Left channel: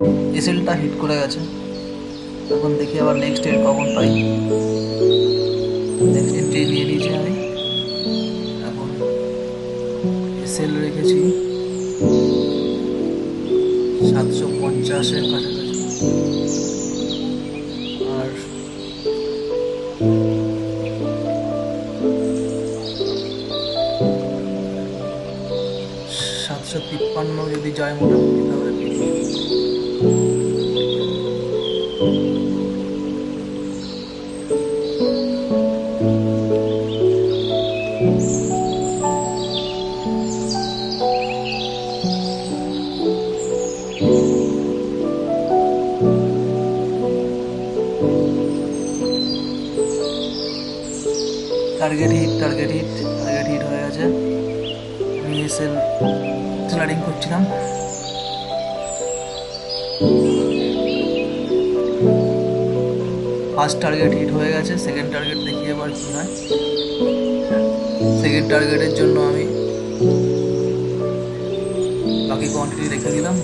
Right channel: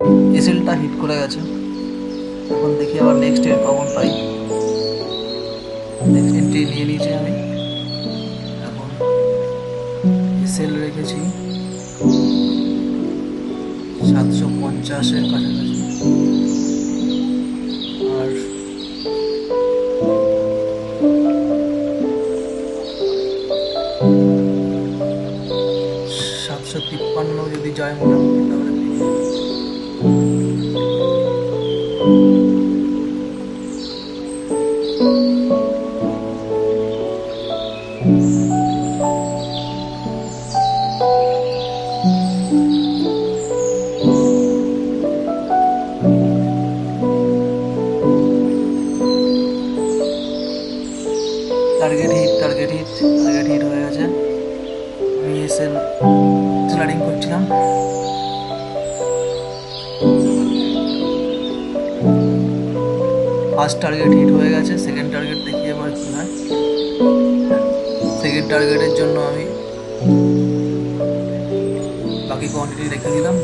এসএলটা হিট করে গেছে। এখন দেখি আবার নেক্সট এর কখন পাই। নেক্সট এন্ট্রি নিয়ে নিয়েছি আমি। এখন এসএল রেখেছি 750-এর কাছাকাছি। আর 753 যদি যায় মোটামুটি তাহলে পেরিয়ে যাবে। Target hit, target hit, target hit হয়ে গেছে। আমি এসএল স্লাইডিং করছিলাম। ফার্স্ট টার্গেট হিট হয়ে গেছে। সেকেন্ড টার্গেট দেখি এবার কি হয়। সেকেন্ড টার্গেটের জন্য আমি বাকি কোয়ান্টিটি রেখে দিলাম।